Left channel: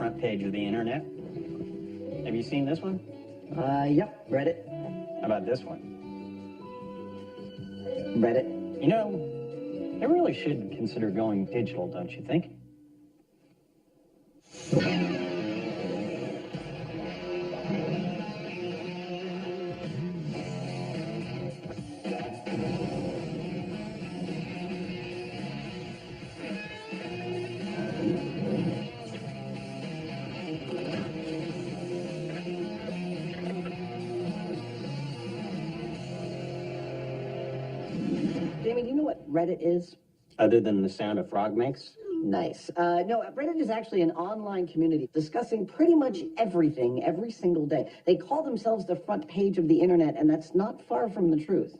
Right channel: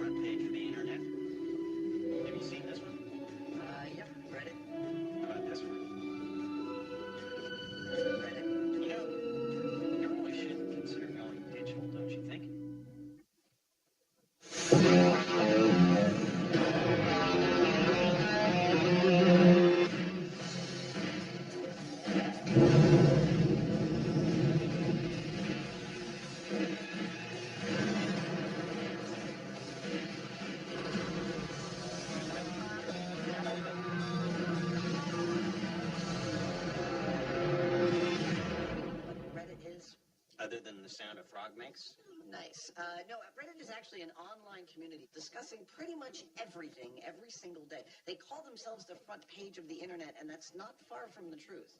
front page of the internet. Have you seen this one? Yep, read it. How about this one? Read it. You know, they really should consider going digital, don't you think? Jamie, you know what Reddit is? Other than the sound a frog makes? Nice. No, Reddit is actually an online community discussing pretty much everything every single day. They call themselves the front page of the internet, and that's not far from the truth.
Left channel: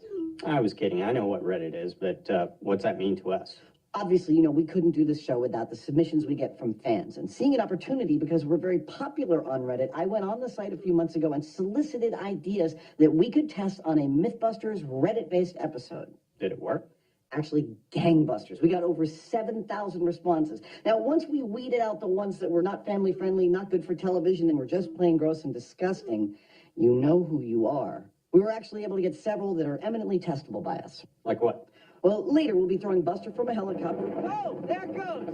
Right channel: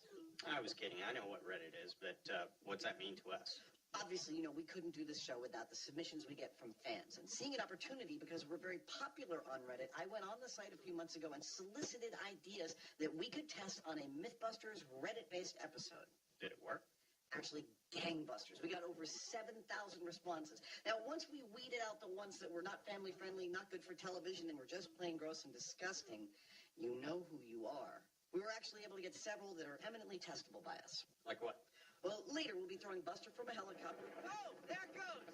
I was kidding. I know what Reddit is, but what's that mean to us? Obviously, you know, we couldn't do this show without the submissions we get from fans. And seeing an opportunity, because we're very popular on Reddit, I went on the site a few months ago and solicited ideas that we could test on a MythBusters Reddit-based episode. Did it work? Actually, gangbusters. We got over 7,000 responses. Now, once we weeded out the ones that were not family-friendly, not good for television, and were just plain gross and disgusting, you know who you are. We were actually able to get several that are eminently testable by us. Like what? Well, later we'll be throwing Buster from a helicopter. Oh, there it goes!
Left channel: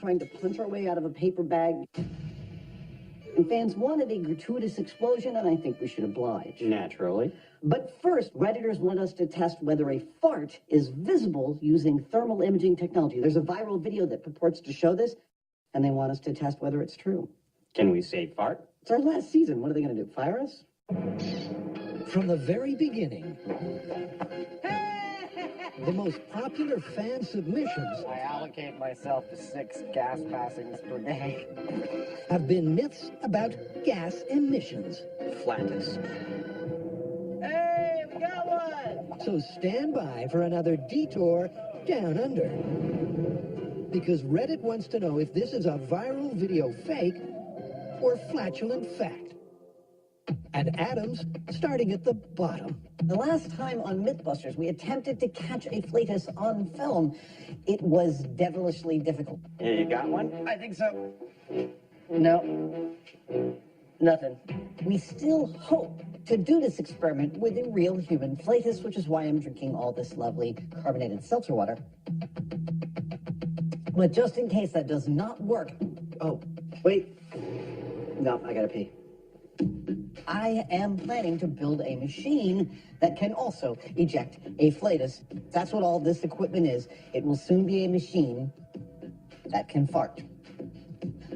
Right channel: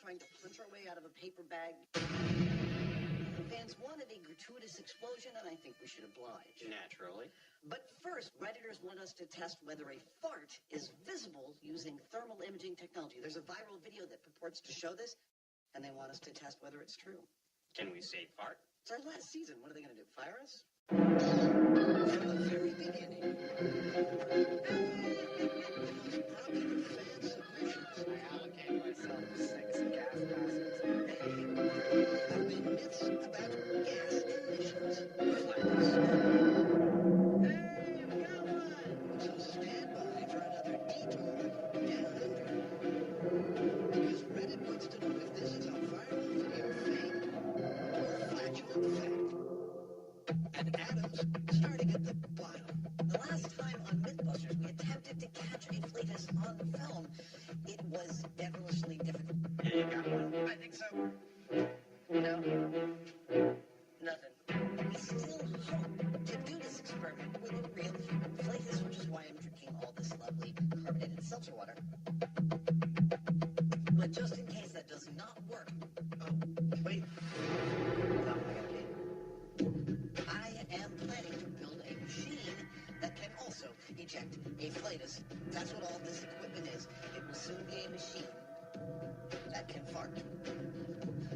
Trying to punch our way out of a paper bag. And fans wanted a gratuitous explosion, and I think we should oblige. Naturally. But first, Redditors want us to test whether a fart is visible using thermal imaging technology. There's a viral video that purports to show this, and they want us to test whether it's true. Can we say fart? It's our last season. What are they going to do, fire us? From the very beginning, the most popular fan submissions I allocate myself to 6 gas passings per day. have been myths about gas emissions. Flatness. Hey, we got one! So stand by for another detour down under. Because Reddit wants to know if this is a viral video fake or flatulent fact. And Adam's starting at the bottom. The last time on MythBusters, we attempted to catch a flatus on film. It was devilishly difficult. Yeah, you got one? I think so. No. Nothing. We still hope to do this experiment with a real human flatus, which is why I'm drinking all this lovely carbonated seltzer water. But just in case that does not work... Oh, wait. No, I gotta pee. I am planning to build a machine that can also eject a flatus. That's what all this equipment is. It will soon be a machine that can fart.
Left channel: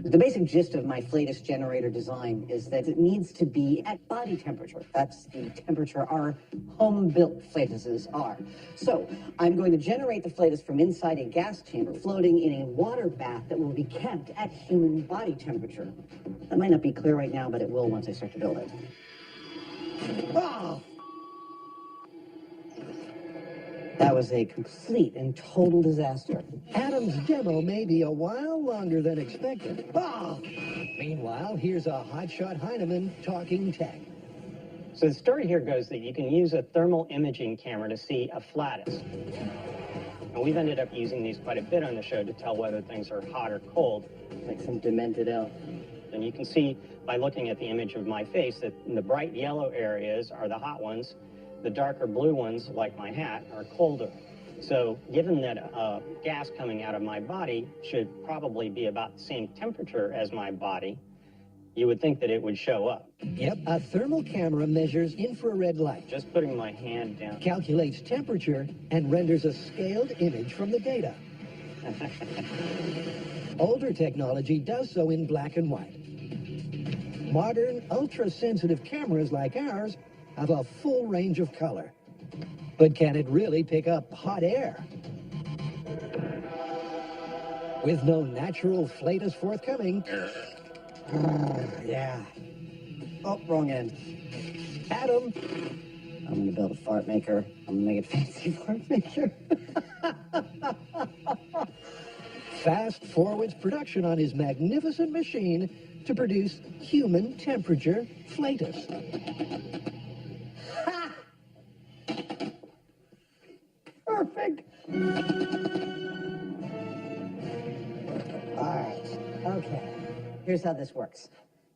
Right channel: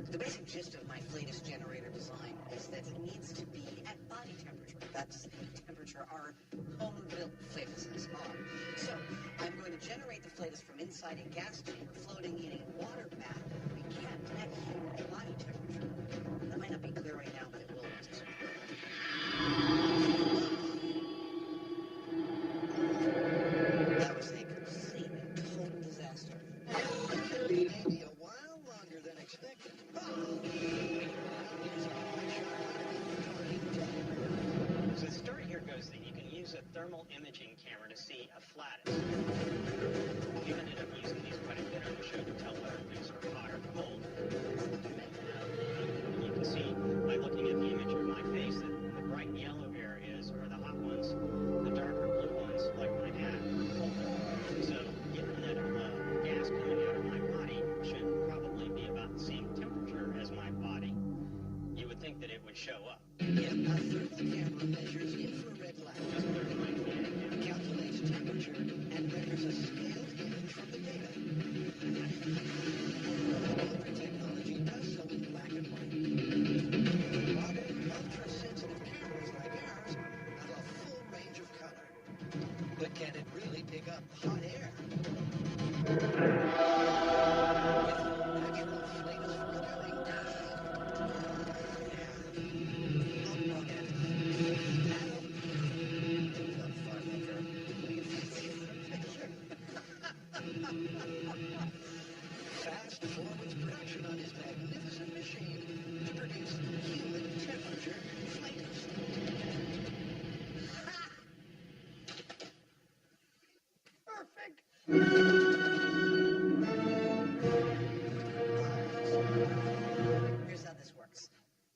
The basic gist of my flatus generator design is that it needs to be at body temperature. That's the temperature our home-built flatuses are. So I'm going to generate the flatus from inside a gas chamber floating in a water bath that will be kept at human body temperature. That might not be clear right now, but it will once I start to build it. Oh! That was a complete and total disaster. Adam's demo may be a while longer than expected. Oh! Meanwhile, here's a hotshot Heineman talking tech. So the story here goes that you can use a thermal imaging camera to see a flatus. And we've ended up using these quite a bit on the show to tell whether things are hot or cold. Like some demented elf. And you can see by looking at the image of my face that the bright yellow areas are the hot ones. The darker blue ones, like my hat, are colder. So given that gas coming out of my body should probably be about the same temperature as my body, you would think that it would show up. Yep, a thermal camera measures infrared light, Just putting my hand down. calculates temperature, and renders a scaled image from the data. Older technology does so in black and white. Modern, ultra-sensitive cameras like ours have a full range of color. But can it really pick up hot air? With no natural flatus forthcoming. Yeah. Oh, wrong end. Adam, I'm gonna build a fart maker. I'm gonna make a fancy fart maker. fast forwards production on his magnificent machine to produce human temperature flatus. Ha! Perfect. All right. Okay. Here's how this works.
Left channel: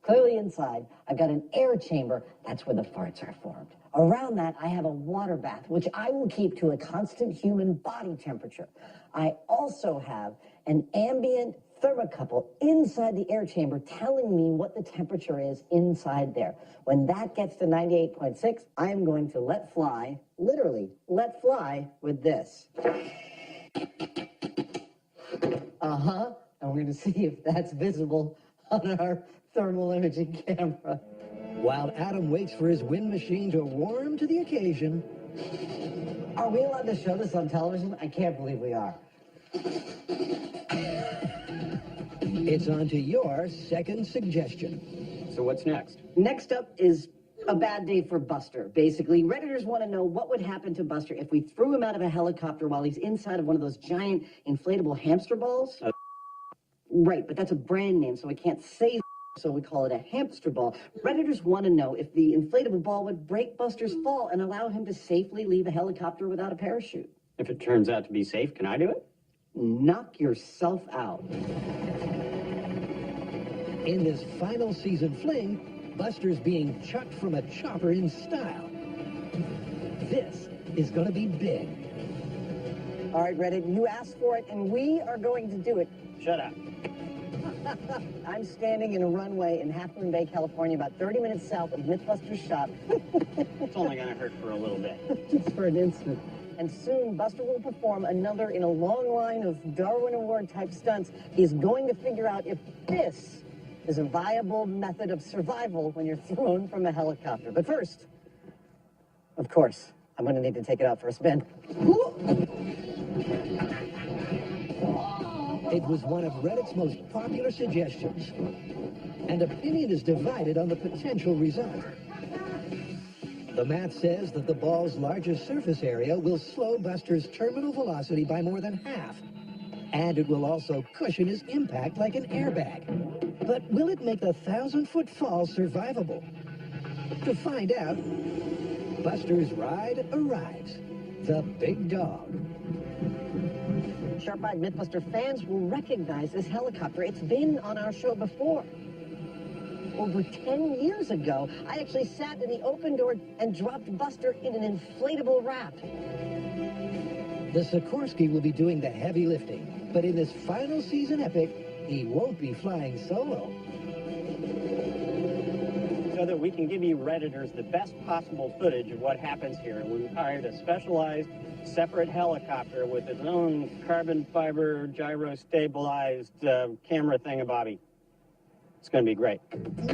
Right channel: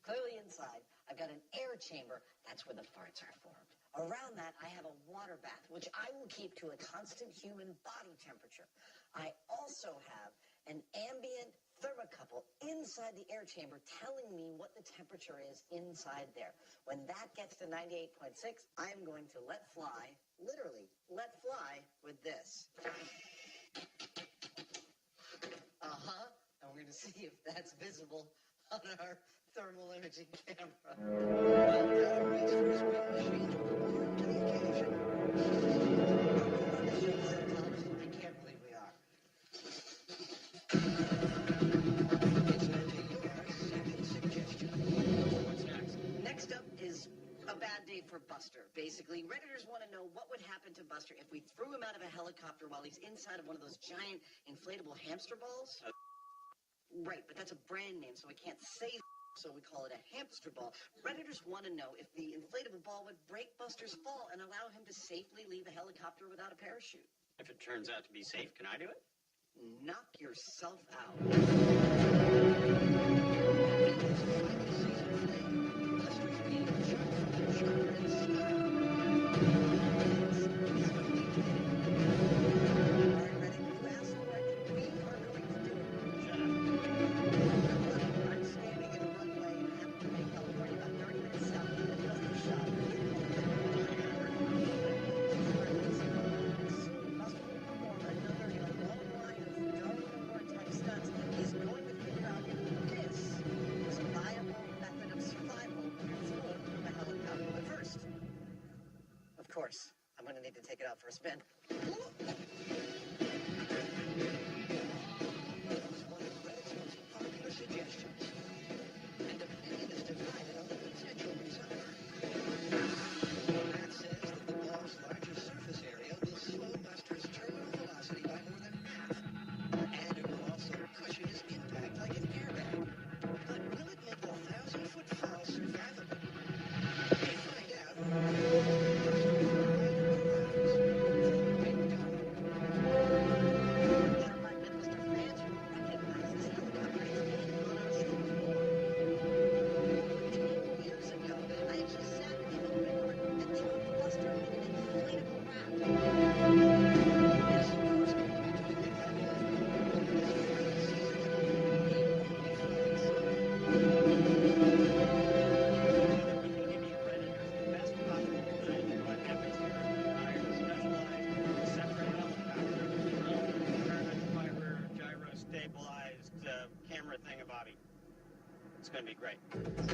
Clearly inside, I've got an air chamber. That's where the farts are formed. Around that, I have a water bath, which I will keep to a constant human body temperature. I also have an ambient thermocouple inside the air chamber telling me what the temperature is inside there. When that gets to 98.6, I am going to let fly, literally let fly with this. Uh-huh. And we're going to see if that's visible on our thermal imaging camera. While Adam waits for his wind machine to warm to the occasion. Are we allowed to show this on television? I can't believe we are. It's on to your second suggestion. So what's next? Next up is a bad day for Buster. Basically, Redditors want to know what would happen to Buster if we threw him out of a helicopter while he's inside of one of those giant inflatable hamster balls. Right, but that's a brand name, so we can't say so we call it a hamster ball. Redditors want to know if the inflatable ball would break Buster's fall and allow him to safely leave a helicopter without a parachute. If it turns out to be safe, can I do it? Knock yourself out. In this final season fling, Buster's being chucked from a chopper in style. This is going to be big. All right, Reddit, you asked for it, and we are going to do it. Shut up. I'm standing in a runway in Half Moon Bay, California, about 30 minutes south of MythBusters shop. It's only going to hurt for a little bit. For an instant. And soon, Buster will perform another in a long line of Darwin Award-type stunts. He's going to figure out if this is a viable method of survival when you're thrown from a helicopter. But first, of course, I'm going to need to take it out for a spin. It was one of Reddit's most popular suggestions, and opinion is divided on the potential result. The math says that the ball's largest surface area will slow Buster's terminal velocity by more than half, and it will also cushion his impact like an airbag. But will it make a 1,000-foot fall survivable? To find out, Buster's ride arrives. The Big Dog. Sharp-eyed MythBuster fans will recognize this helicopter. It's been on our show before. Over 10 years ago, I actually sat in the open door and dropped Buster in an inflatable raft. The Sikorsky will be doing the heavy lifting, but in this final season epic, he won't be flying solo. So that we can give you Redditors the best possible footage of what happens here, we hired a specialized, separate helicopter with its own carbon fiber, gyro-stabilized camera thingamabobby. It's going to be great.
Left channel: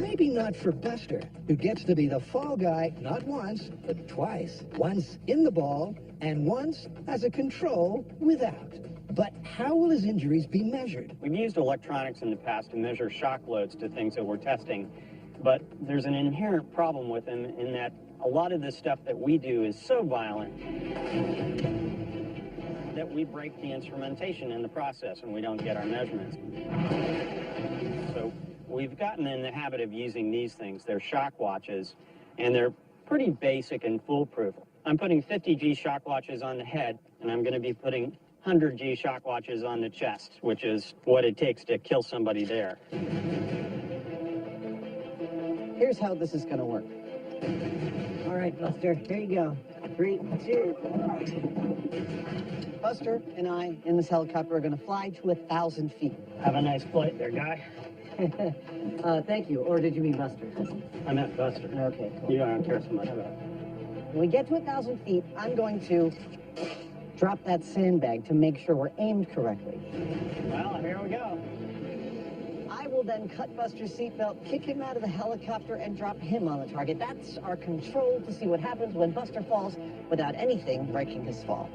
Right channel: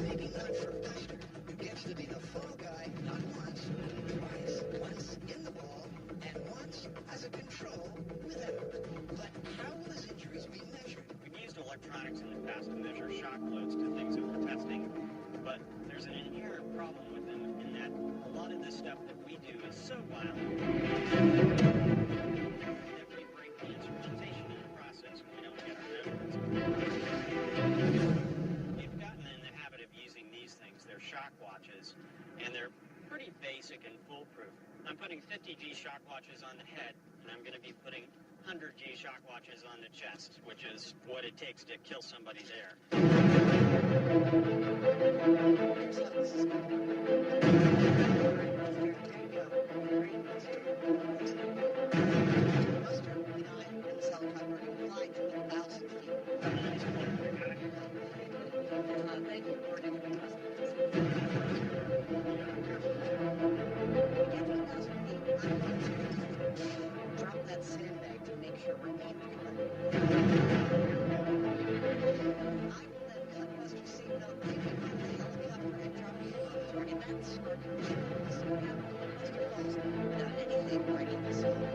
Maybe not for Buster, who gets to be the fall guy not once, but twice. Once in the ball, and once as a control without. But how will his injuries be measured? We've used electronics in the past to measure shock loads to things that we're testing, but there's an inherent problem with them in that a lot of the stuff that we do is so violent that we break the instrumentation in the process and we don't get our measurements. So we've gotten in the habit of using these things. They're shock watches, and they're pretty basic and foolproof. I'm putting 50G shock watches on the head, and I'm going to be putting 100G shock watches on the chest, which is what it takes to kill somebody there. Here's how this is going to work. All right, Buster, here you go. 3, 2, 1. Buster and I, in this helicopter, are going to fly to 1,000 feet. Have a nice flight there, guy. Thank you. Or did you mean Buster? I'm not Buster. Okay. You don't interest myself. When we get to 1,000 feet, I'm going to drop that sandbag to make sure we're aimed correctly. Well, here we go. I will then cut Buster's seatbelt, kick him out of the helicopter, and drop him on the target. That's our control to see what happens when Buster falls without anything breaking his fall.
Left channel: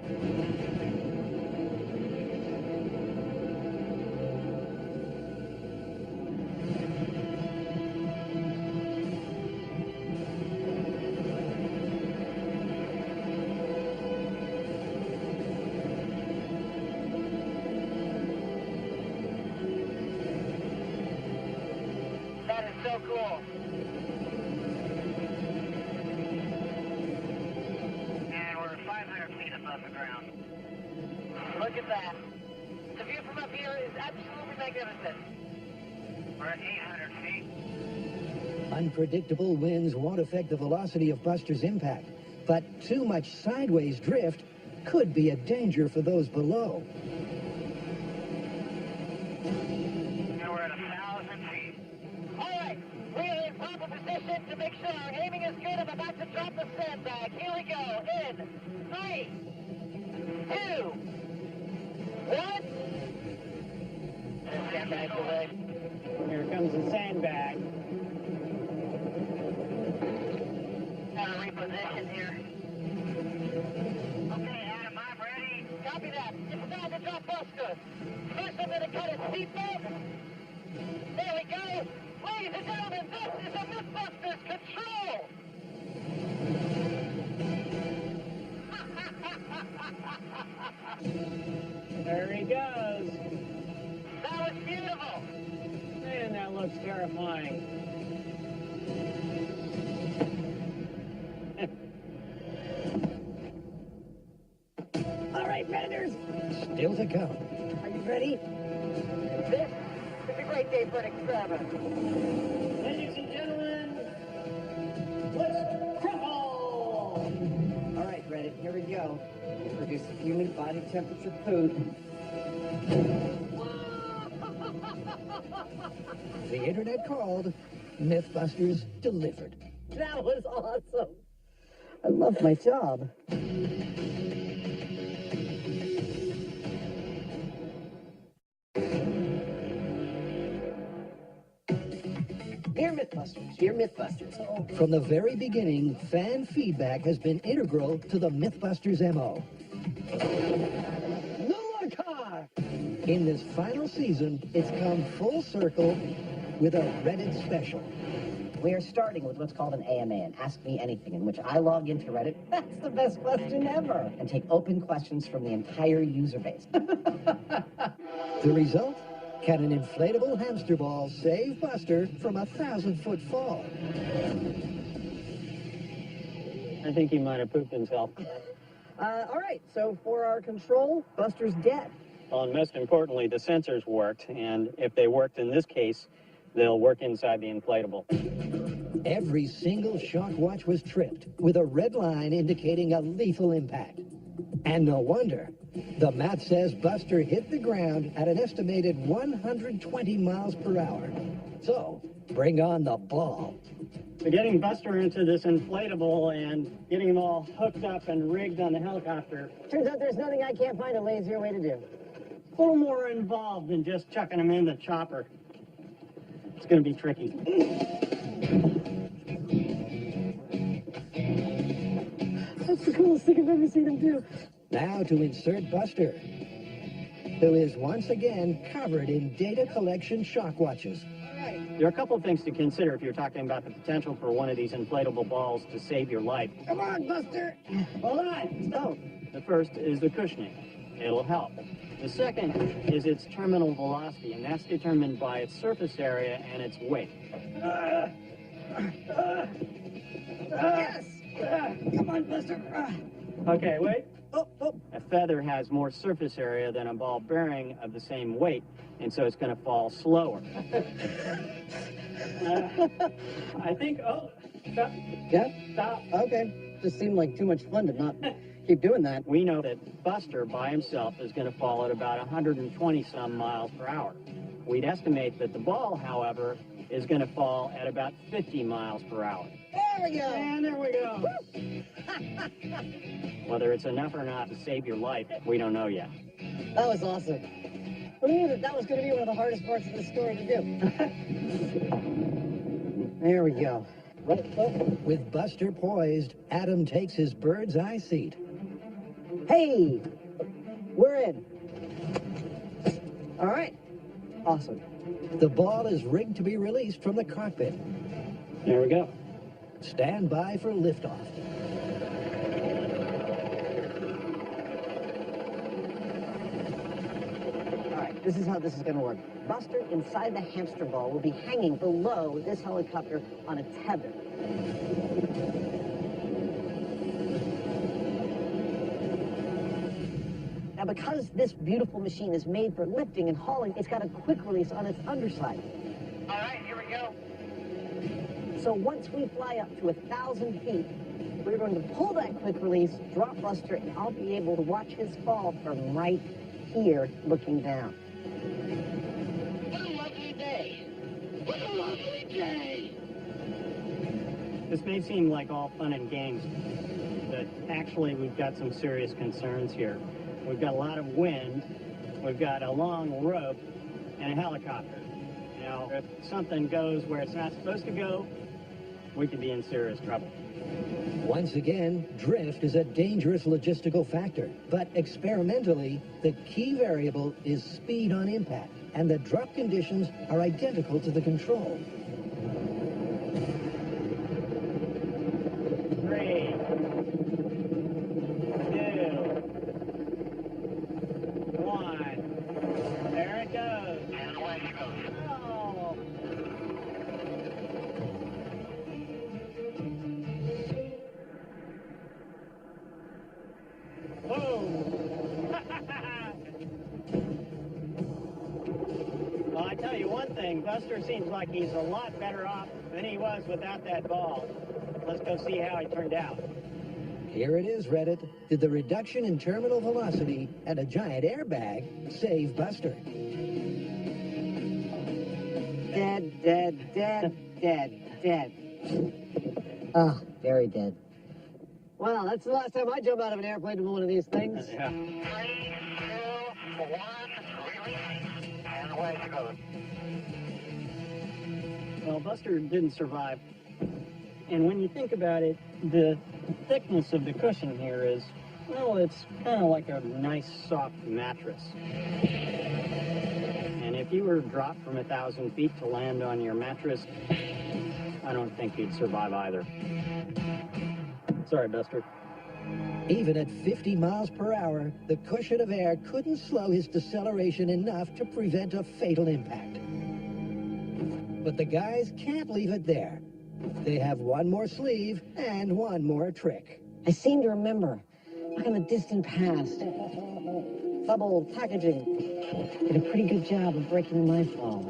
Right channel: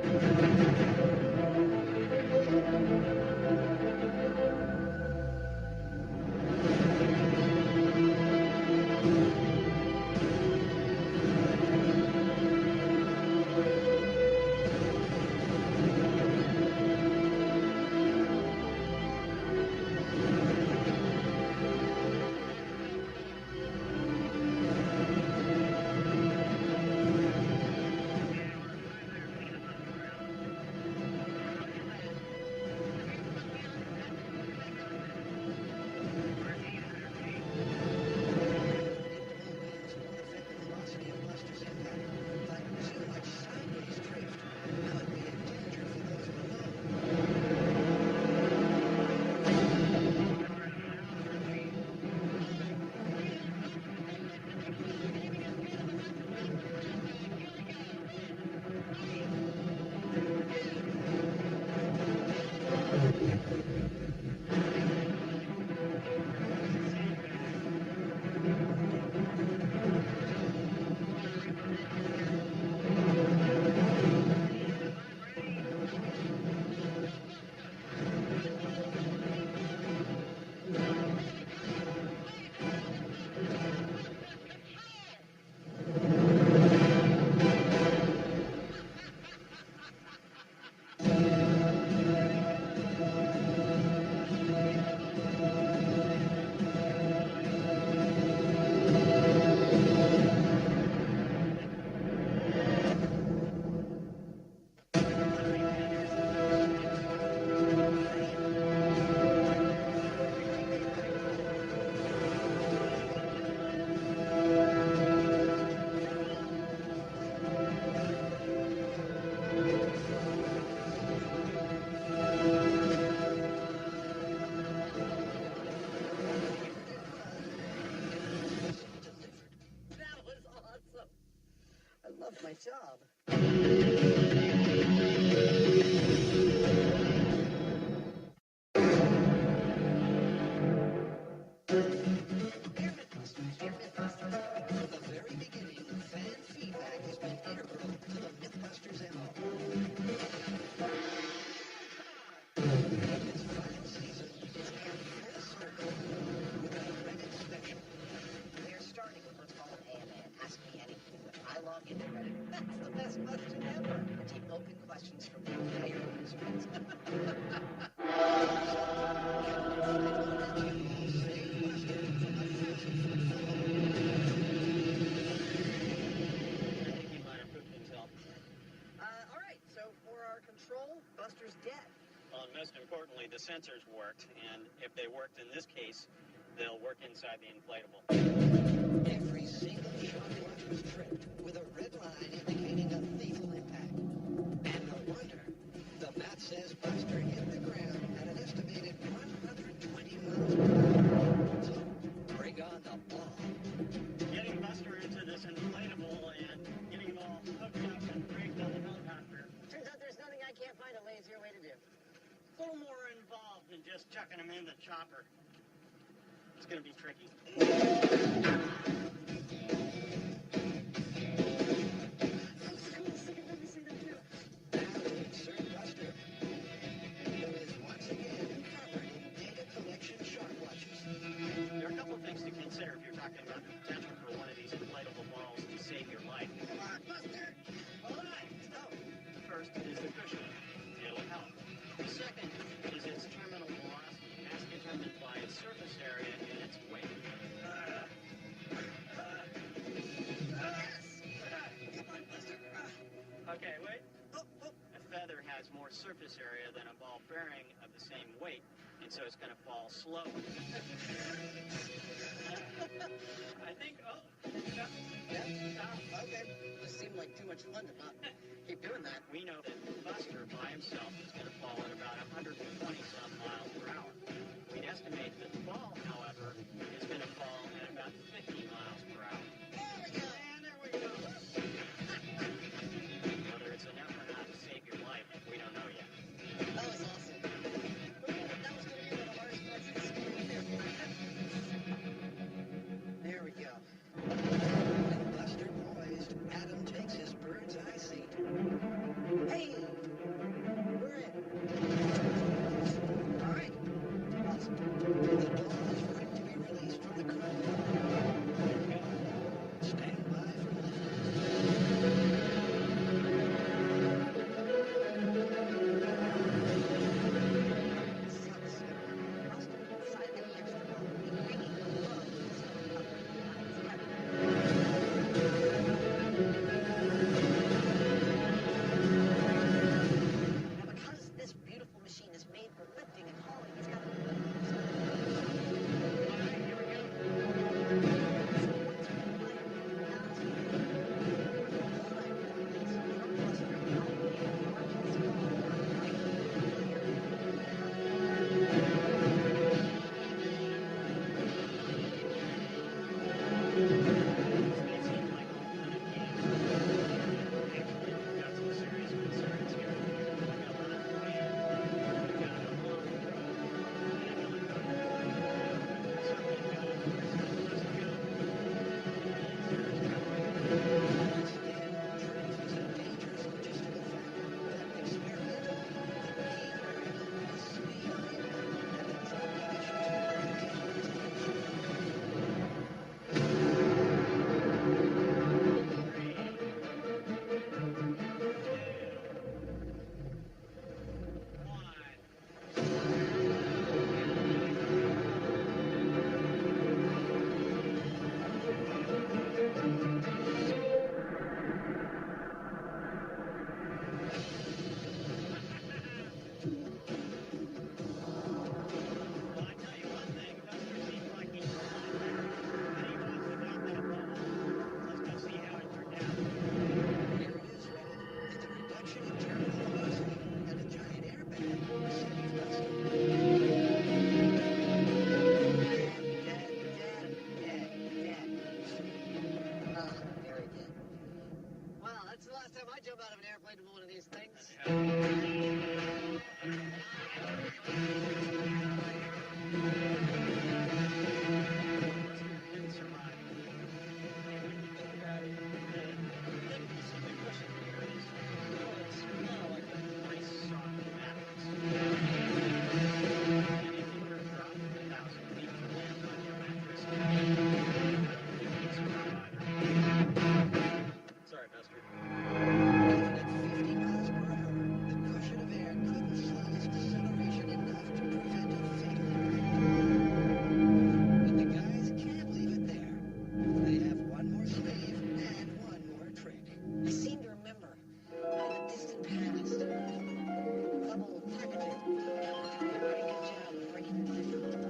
Unpredictable winds won't affect the velocity of Buster's impact, but too much sideways drift could be a danger for those below. We're at 1,000 feet. All right, we are in proper position to make sure our aiming is good. I'm about to drop the sandbag. Here we go. In 3, 2, 1. Sandbag away. Here comes the sandbag. Reposition here. Okay, Adam, I'm ready. Copy that. Inside the drop buster. Push into the cutter seatbelt. There we go. Ladies and gentlemen, this is the MythBusters control. There he goes. That was beautiful. Man, that looks terrifying. All right, Panders. Still to come. Ready? It's a great day for an experiment. Ladies and gentlemen, let's crawl. All right, ready. Here we go. Here's the unit body temperature proof. The internet called. MythBusters delivered. That was awesome. I love my job. Dear MythBusters, dear MythBusters. From the very beginning, fan feedback has been integral to the MythBusters MO. No more car! In this final season, it's come full circle with a Reddit special. We are starting with what's called an AMA, an Ask Me Anything, in which I log into Reddit. That's the best question ever. And take open questions from the entire user base. The result? Can an inflatable hamster ball save Buster from a 1,000-foot fall? I think he might have pooped himself. All right, so for our control, Buster's dead. Well, and most importantly, the sensors worked, and if they worked in this case, they'll work inside the inflatable. Every single shock watch was tripped, with a red line indicating a lethal impact. And no wonder. The map says Buster hit the ground at an estimated 120 miles per hour. So, bring on the ball. So getting Buster into this inflatable and getting him all hooked up and rigged on the helicopter, Turns out there's nothing I can't find a lazier way to do. a little more involved than just chucking him in the chopper. It's going to be tricky. That's the coolest thing I've ever seen him do. Now to insert Buster, who is once again covered in data collection shock watches. There are a couple of things to consider if you're talking about the potential for one of these inflatable balls to save your life. Come on, Buster! Hold on, don't. The first is the cushioning. It'll help. The second is its terminal velocity, and that's determined by its surface area and its weight. Yes! Come on, Buster! Okay, wait. Oh. A feather has more surface area than a ball bearing of the same weight, and so it's going to fall slower. I think, stop. Yeah? Stop. Okay. Just seemed like too much fun to not keep doing that. We know that Buster by himself is going to fall at about 120-some miles per hour. We'd estimate that the ball, however, is going to fall at about 50 miles per hour. There we go! And there we go. Whether it's enough or not to save your life, we don't know yet. That was awesome. Who knew that was going to be one of the hardest parts of this story to do? There we go. With Buster poised, Adam takes his bird's eye seat. Hey! We're in. All right. Awesome. The ball is rigged to be released from the cockpit. There we go. Stand by for liftoff. All right, this is how this is going to work. Buster, inside the hamster ball, will be hanging below this helicopter on a tether. Now, because this beautiful machine is made for lifting and hauling, it's got a quick release on its underside. All right, here we go. So once we fly up to 1,000 feet, we're going to pull that quick release, drop Buster, and I'll be able to watch his fall from right here looking down. This may seem like all fun and games, but actually we've got some serious concerns here. We've got a lot of wind, we've got a long rope, and a helicopter. Now, if something goes where it's not supposed to go, we could be in serious trouble. Once again, drift is a dangerous logistical factor, but experimentally, the key variable is speed on impact, and the drop conditions are identical to the control. 3, 2, 1. There it goes. Well, I tell you one thing, Buster seems like he's a lot better off than he was without that ball. Let's go see how he turned out. Here it is, Reddit. Did the reduction in terminal velocity and a giant airbag save Buster? Dead, dead, dead, dead, dead. Ah, very dead. Well, that's the last time I jump out of an airplane with one of these things. Yeah. 3, 2, 1, and away it goes. Well, Buster didn't survive. And when you think about it, the thickness of the cushion here is, well, it's kind of like a nice soft mattress. And if you were dropped from 1,000 feet to land on your mattress, I don't think you'd survive either. Sorry, Buster. Even at 50 miles per hour, the cushion of air couldn't slow his deceleration enough to prevent a fatal impact. But the guys can't leave it there. They have one more sleeve and one more trick. I seem to remember, back in the distant past, bubble packaging did a pretty good job of breaking my fall.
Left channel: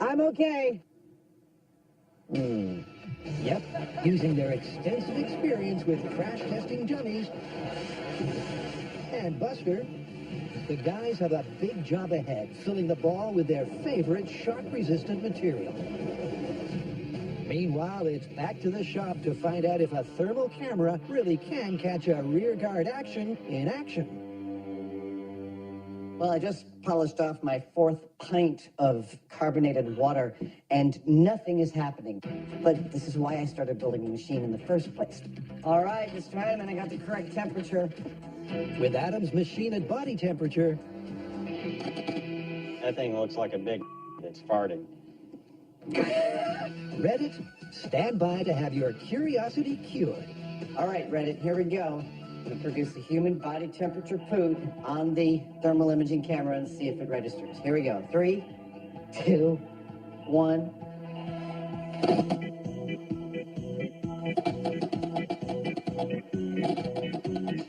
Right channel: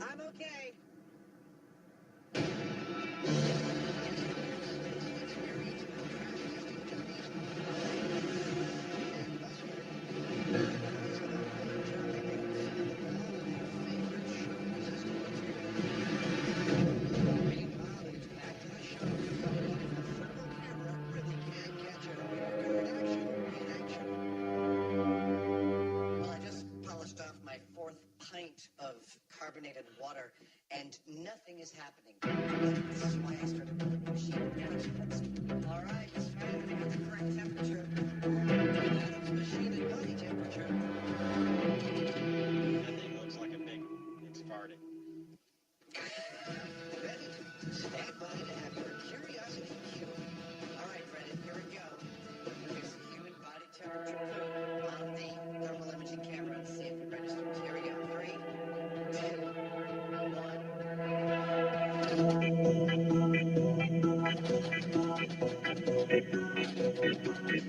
I'm okay. Yep, using their extensive experience with crash testing dummies and Buster, the guys have a big job ahead, filling the ball with their favorite shock-resistant material. Meanwhile, it's back to the shop to find out if a thermal camera really can catch a rear guard action in action. Well, I just polished off my 4th pint of carbonated water, and nothing is happening. But this is why I started building the machine in the first place. All right, this time, and I got the correct temperature. With Adam's machine at body temperature, That thing looks like a big it's farting. Reddit, stand by to have your curiosity cured. All right, Reddit, here we go. I'm going to produce a human body temperature poop on the thermal imaging camera and see if it registers. Here we go. 3, 2, 1.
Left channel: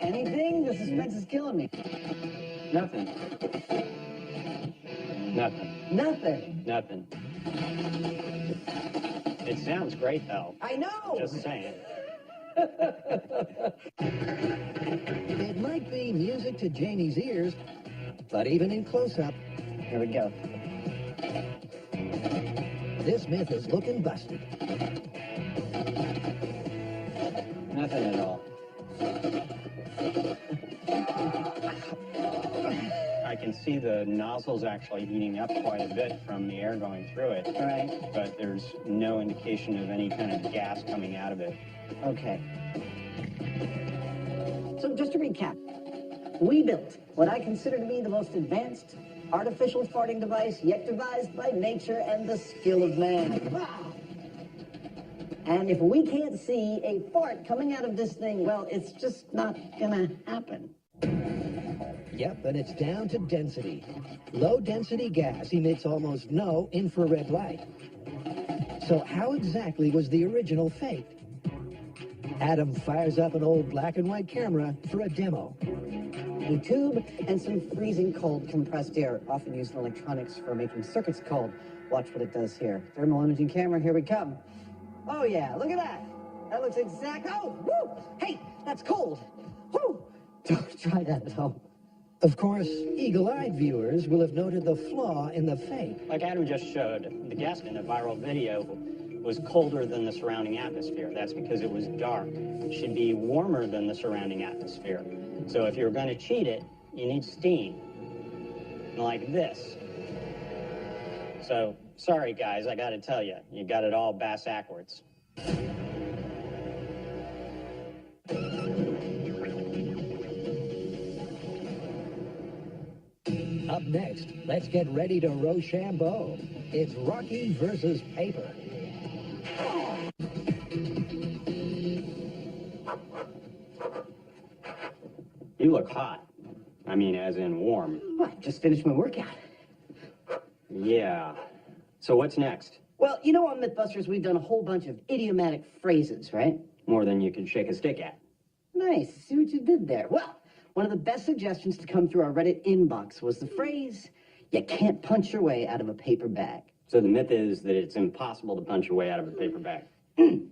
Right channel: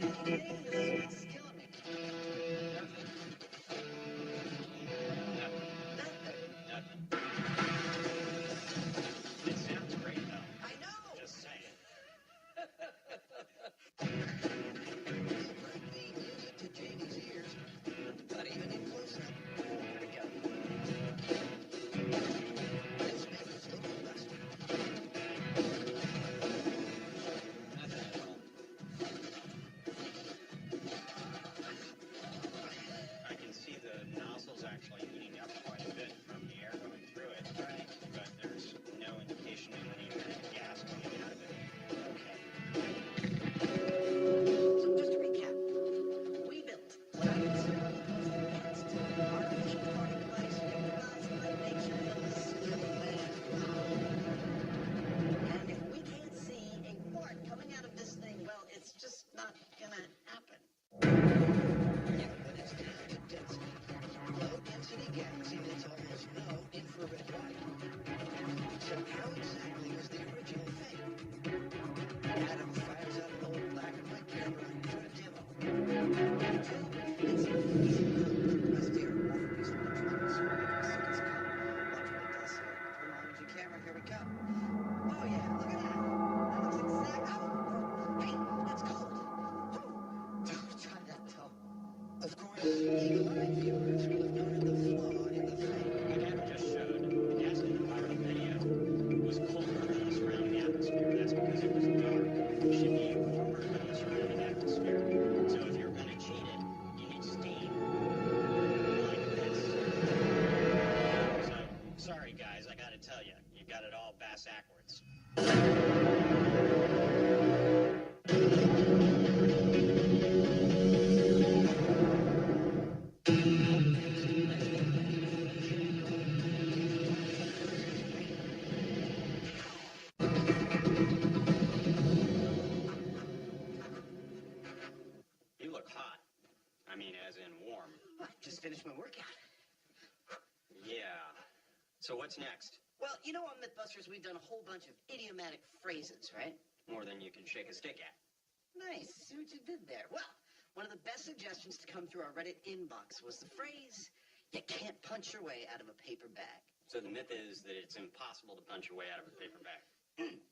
Anything? The suspense is killing me. Nothing. Nothing. Nothing. Nothing. It sounds great, though. I know. Just saying. It might be music to Janie's ears, but even in close-up, Here we go. this myth is looking busted. Nothing at all. I can see the nozzle's actually heating up quite a bit from the air going through it, All right. but there's no indication of any kind of gas coming out of it. Okay. So just to recap, we built what I consider to be the most advanced artificial farting device yet devised by nature and the skill of man. And if we can't see a fart coming out of this thing, well, it's just not gonna happen. Yep, and it's down to density. Low-density gas emits almost no infrared light. So how exactly was the original fake? Adam fires up an old black and white camera for a demo. A tube and some freezing cold compressed air, often used in electronics for making circuits cold. Watch what it does here. Thermal imaging camera, here we come. Oh yeah, look at that. That looks exact. Oh, whoo! Hey, that's cold. Whoo! Don't try that at home. Of course, eagle-eyed viewers will have noted the flaw in the fake. Like Adam just showed, the gas in a viral video was colder than the surrounding atmosphere. That's because it was dark. It should be warmer than the surrounding atmosphere. So if you're going to cheat it, you need steam. Like this. So, sorry guys, I gotta tell you, you got it all bass-ackwards. Up next, let's get ready to Rochambeau. It's Rocky versus Paper. You look hot. I mean, as in warm. I just finished my workout. Yeah. So what's next? Well, you know on MythBusters we've done a whole bunch of idiomatic phrases, right? More than you can shake a stick at. Nice. See what you did there. Well, one of the best suggestions to come through our Reddit inbox was the phrase, you can't punch your way out of a paper bag. So the myth is that it's impossible to punch your way out of a paper bag.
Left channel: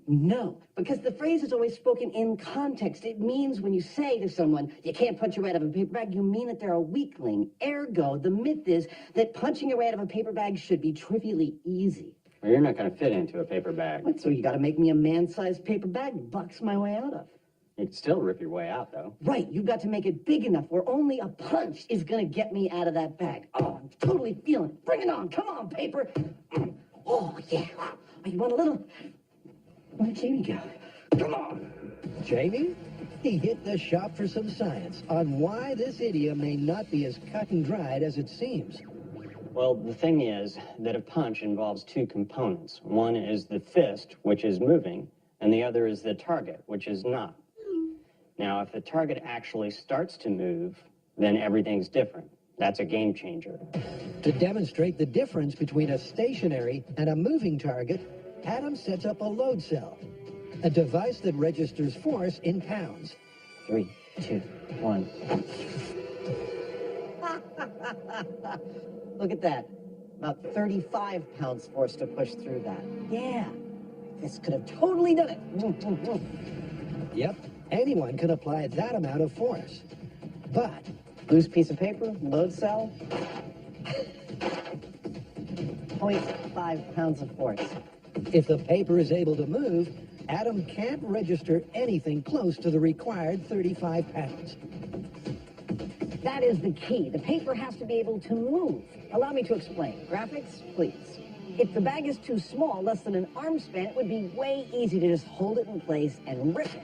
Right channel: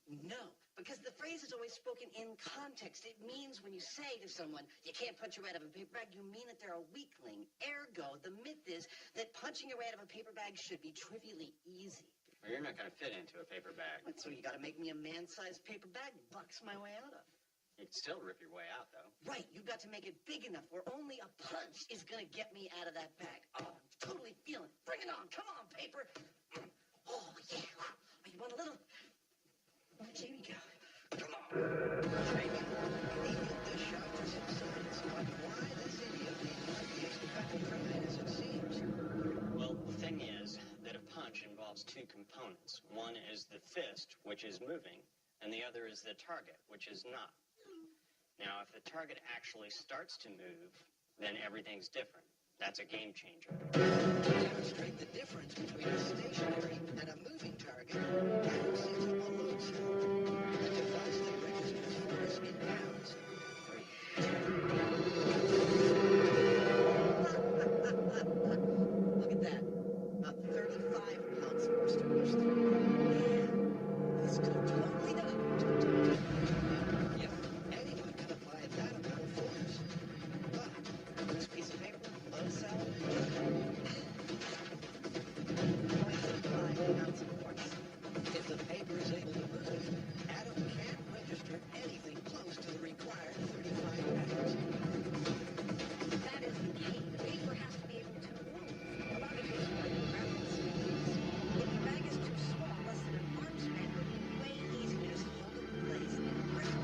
No, because the phrase is always spoken in context. It means when you say to someone, you can't punch your way out of a paper bag, you mean that they're a weakling. Ergo, the myth is that punching your way out of a paper bag should be trivially easy. Well, you're not going to fit into a paper bag. What, so you got to make me a man-sized paper bag to box my way out of? You'd still rip your way out, though. Right, you've got to make it big enough where only a punch is going to get me out of that bag. Oh, I'm totally feeling it. Bring it on. Come on, paper. Oh, yeah. Oh, you want a little? Where'd Jamie go? Come on. Jamie? He hit the shop for some science on why this idiom may not be as cut and dried as it seems. Well, the thing is that a punch involves two components. One is the fist, which is moving, and the other is the target, which is not. Now, if the target actually starts to move, then everything's different. That's a game changer. To demonstrate the difference between a stationary and a moving target, Adam sets up a load cell, a device that registers force in pounds. 3, 2, 1. Look at that. About 35 pounds force to push through that. Yeah. This could have totally done it. Yep, anyone can apply that amount of force. But Loose piece of paper, load cell. 0.5 pounds of force. if the paper is able to move, Adam can't register anything close to the required 35 pounds. That is the key. The paper has to be able to move. Allow me to explain. Graphics, please. If the bag is too small, less than an arm span, it would be way easy to just hold it in place and rip it.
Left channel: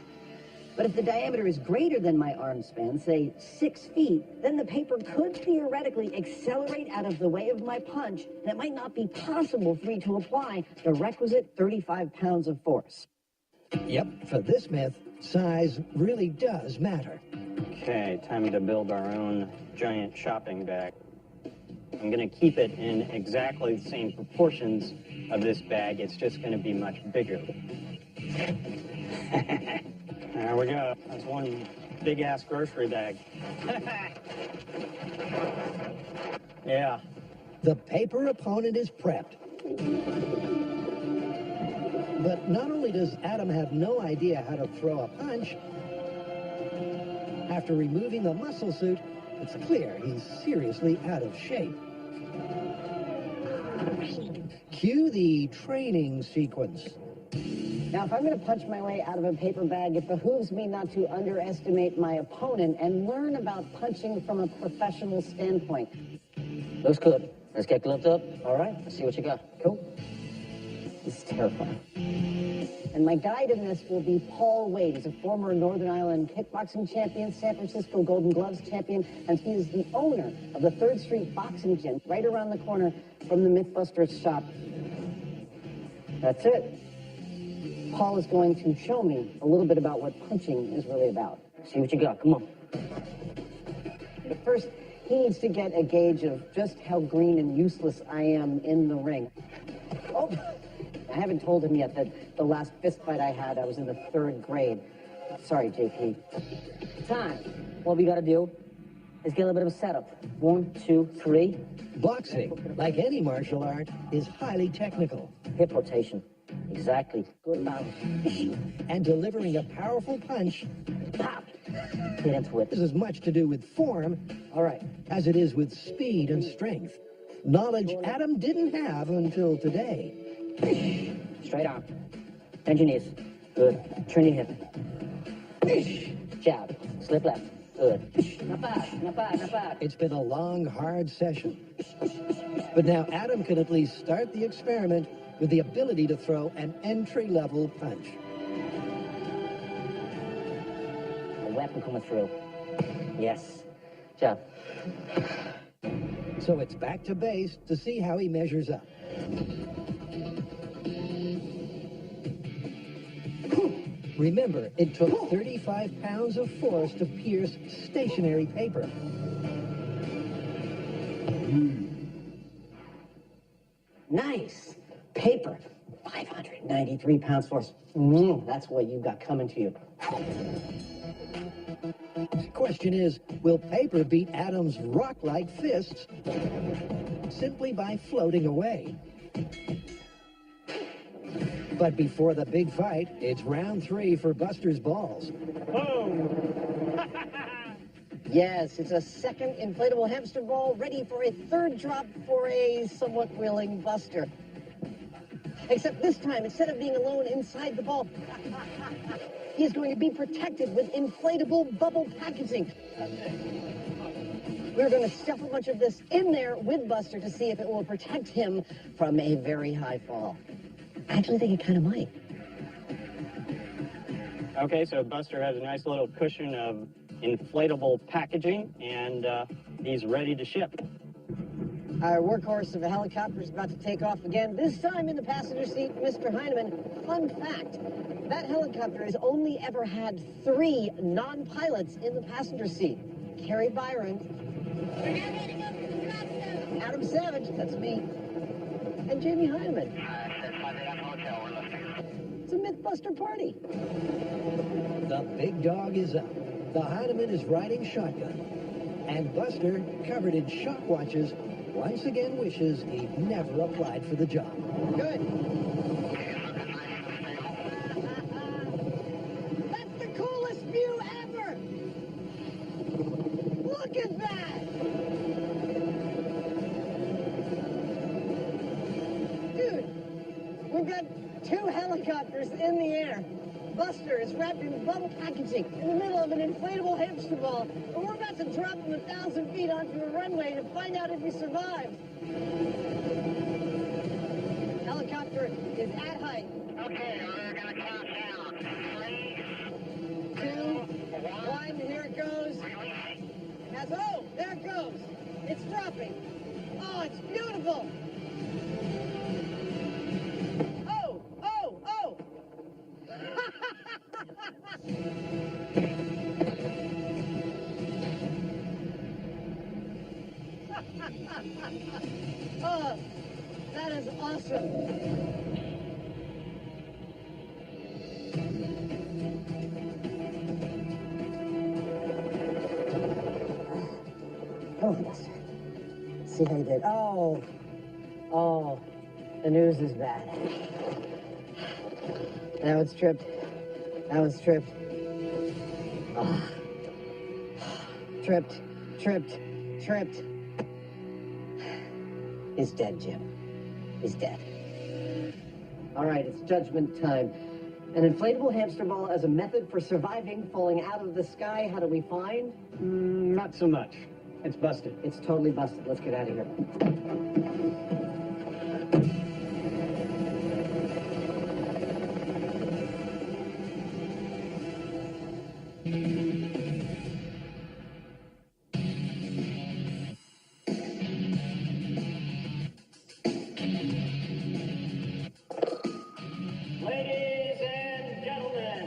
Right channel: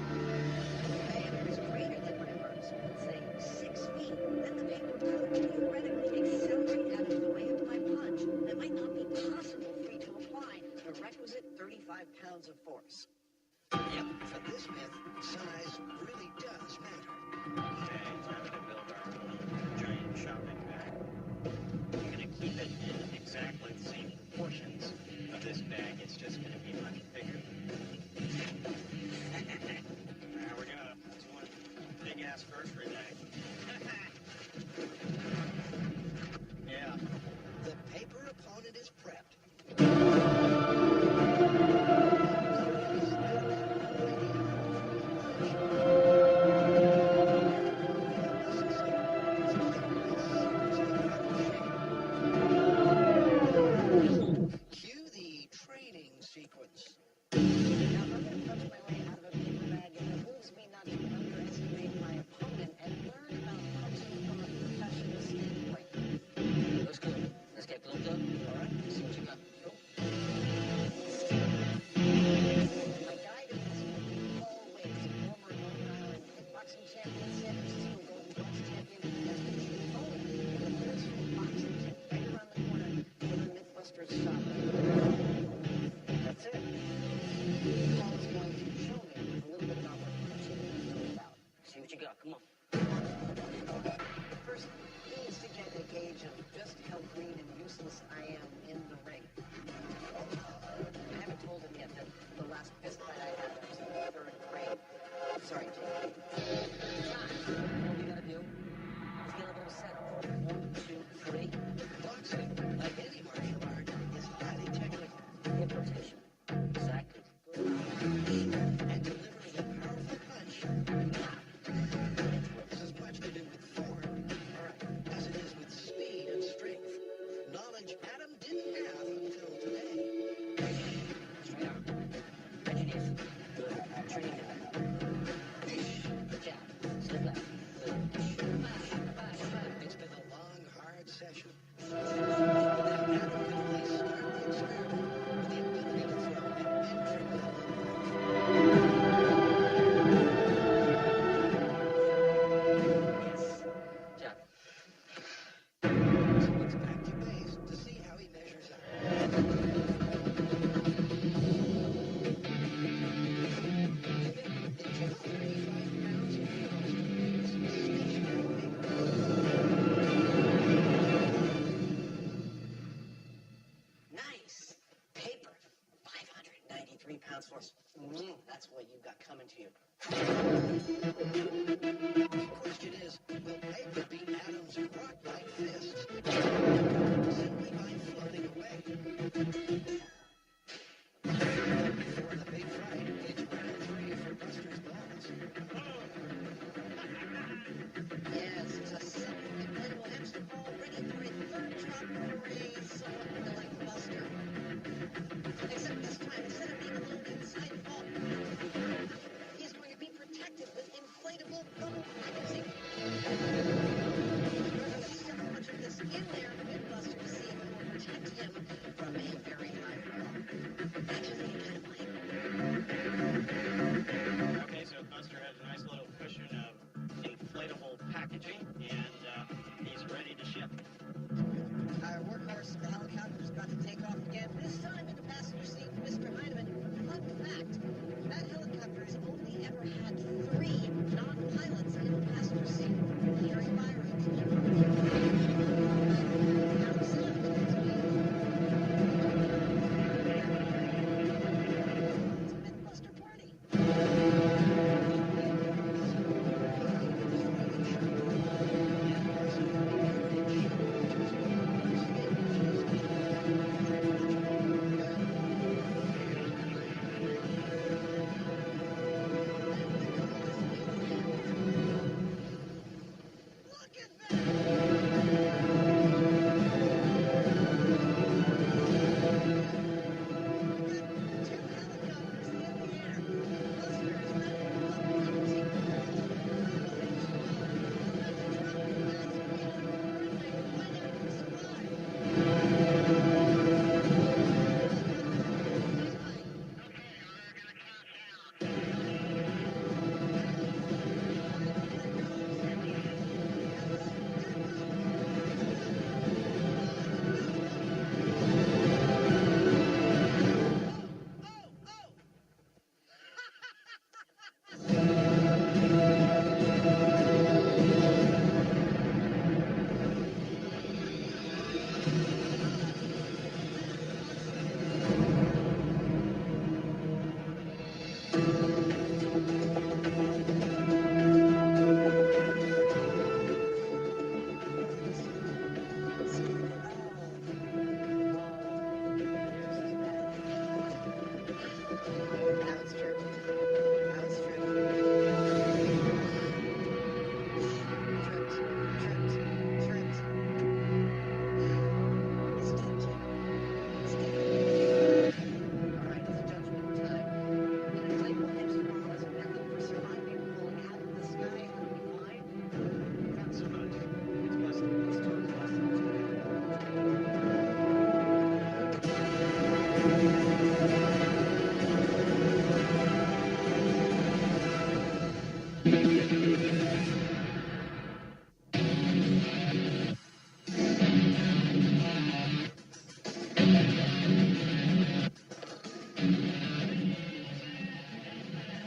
But if the diameter is greater than my arm span, say 6 feet, then the paper could theoretically accelerate out of the way of my punch, and it might not be possible for me to apply the requisite 35 pounds of force. Yep, for this myth, size really does matter. Okay, time to build our own giant shopping bag. I'm going to keep it in exactly the same proportions of this bag. It's just going to be much bigger. There we go. That's one big-ass grocery bag. Yeah. The paper opponent is prepped. But not only does Adam have no idea how to throw a punch, after removing a muscle suit, it's clear he's seriously out of shape. Cue the training sequence. Now, if I'm going to punch my way out of a paper bag, it behooves me not to underestimate my opponent and learn about punching from a professional standpoint. Looks good. Let's get gloved up. All right, let's see what you got. Cool. This is terrifying. And my guide in this will be Paul Wade. He's a former Northern Ireland kickboxing champion, San Francisco Golden Gloves champion, and he is the owner of the 3rd Street Boxing Gym right around the corner from the MythBusters shop. That's it. Paul is going to show me a little bit about what punching is really about. See what you got. Come on. But first, he needs to get a gauge of just how green and useless I am in the ring. Oh, I haven't told him yet that the last fist fight I had, I was in the 3rd grade. Sorry, JP. Time. What we got to do? Let's get a little bit of a setup. 1, 2, 3. Boxing, like any martial art, is highly technical. Hip rotation. Exactly. Good balance. And delivering a powerful punch Pop. Get into it. is as much to do with form All right. as it is with speed and strength. Knowledge Adam didn't have until today. Straight arm. Bend your knees. Good. Turn your hip. Jab. Slip left. Good. Not bad. Not bad. Not bad. It's been a long, hard session. But now Adam can at least start the experiment with the ability to throw an entry-level punch. Weapon coming through. Yes. Jab. So it's back to base to see how he measures up. Remember, it took 35 pounds of force to pierce stationary paper. Nice. Paper. 593 pounds force. That's what you've got coming to you. The question is, will paper beat Adam's rock-like fists simply by floating away? But before the big fight, it's round 3 for Buster's balls. Yes, it's a second inflatable hamster ball ready for a third drop for a somewhat willing Buster. Except this time, instead of being alone inside the ball, he's going to be protected with inflatable bubble packaging. We're going to stuff a bunch of this in there with Buster to see if it will protect him from a very high fall. I actually think it kind of might. Okay, so Buster has a nice little cushion of inflatable packaging, and he's ready to ship. Our workhorse of a helicopter is about to take off again, this time in the passenger seat, Mr. Heineman. Fun fact, that helicopter has only ever had 3 non-pilots in the passenger seat. Harry Byron, Adam Savage, that's me, and Jamie Heineman. It's a MythBuster party. The big dog is up. The Heineman is riding shotgun. And Buster, covered in shop watches, once again wishes he'd never applied for the job. Good. That's the coolest view ever! Look at that! Dude, we've got 2 helicopters in the air. Buster is wrapped in bubble packaging in the middle of an inflatable hamster ball. And we're about to drop from 1,000 feet onto the runway to find out if we survive. Helicopter is at height. Okay, we're gonna count down. 2, 1, here it goes. Oh, there it goes. It's dropping. Oh, it's beautiful. Oh, oh, oh. Oh, that is awesome. Oh, let's see how he did. Oh, the news is bad. Now it's tripped. Now it's tripped. Tripped, tripped, tripped. He's dead, Jim. He's dead. All right, it's judgment time. An inflatable hamster ball as a method for surviving falling out of the sky. How do we find? Not so much. It's busted. It's totally busted. Let's get out of here. Ladies and gentlemen,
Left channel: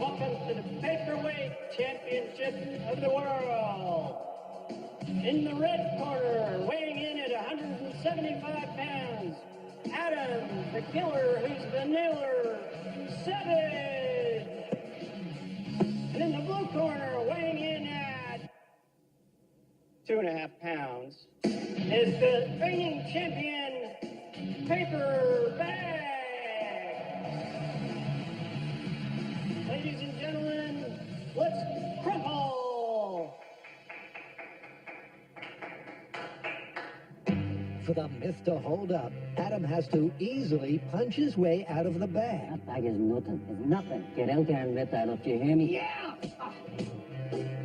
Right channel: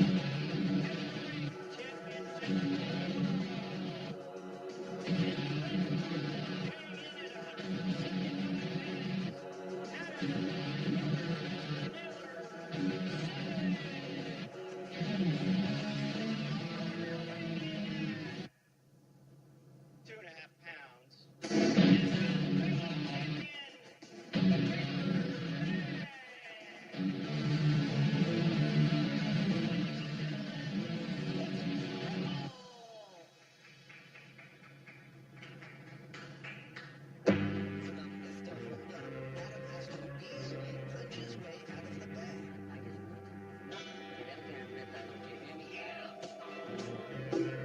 welcome to the Paperweight Championship of the World. In the red corner, weighing in at 190 is the reigning champion, Paper Bag. Ladies and gentlemen, let's crumple. For the myth to hold up, Adam has to easily punch his way out of the bag. That bag is nothing. It's nothing. Get out there and rip that up. Do you hear me? Yeah!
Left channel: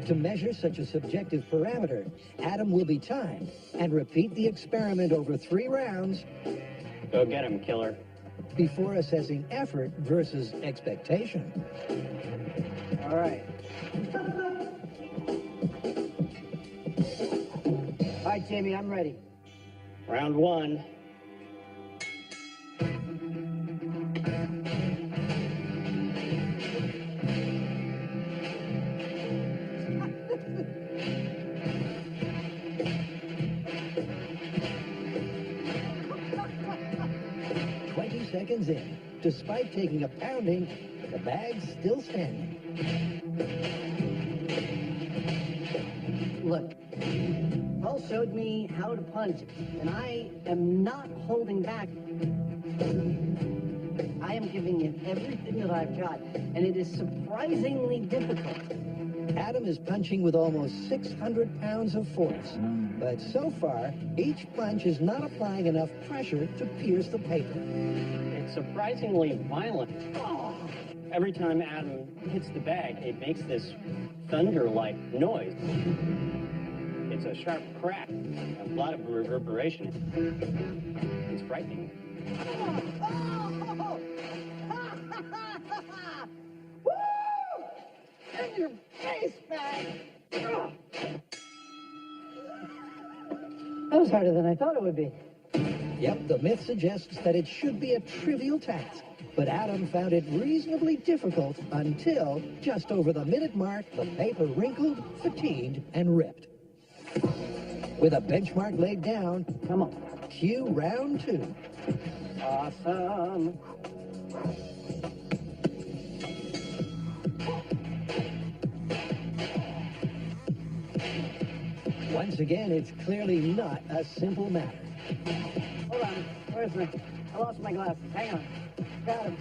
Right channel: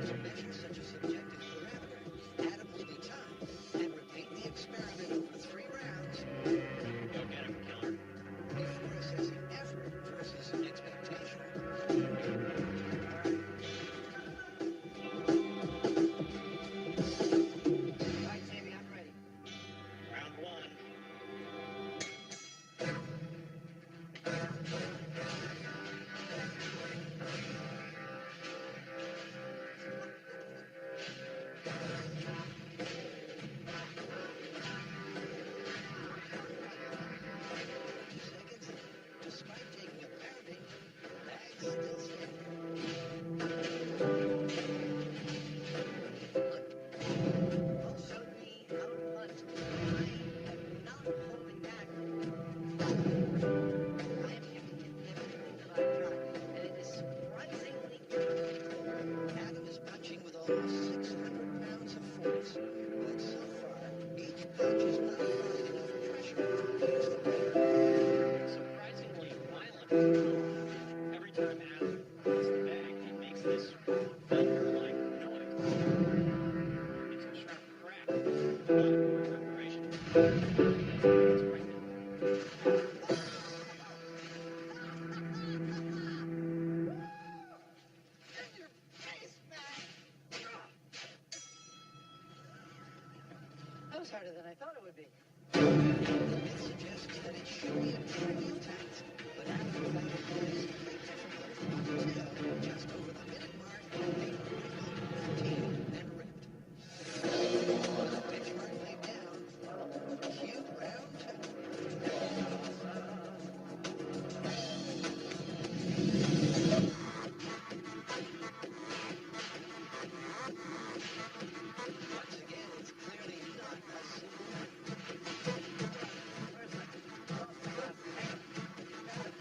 To measure such a subjective parameter, Adam will be timed and repeat the experiment over 3 rounds Go get him, killer. before assessing effort versus expectation. All right. All right, Jamie, I'm ready. Round 1. Seconds in, despite taking a pounding, the bag's still standing. Look, Paul showed me how to punch, and I am not holding back. I am giving it everything that I've got, and it is surprisingly difficult. Adam is punching with almost 600 pounds of force, but so far, each punch is not applying enough pressure to pierce the paper. It's surprisingly violent. Every time Adam hits the bag, it makes this thunder-like noise. It's a sharp crack, a lot of reverberation. It's frightening. In your face, bag! That was harder than I thought it would be. Yep, the myth suggests that it should be a trivial task, but Adam found it reasonably difficult until just over the minute mark, the paper wrinkled, fatigued, and ripped. With a benchmark laid down, Come on. cue round 2. Awesome. Once again, it's clearly not a simple matter. Hold on. Where's my... I lost my glass. Hang on. Got him.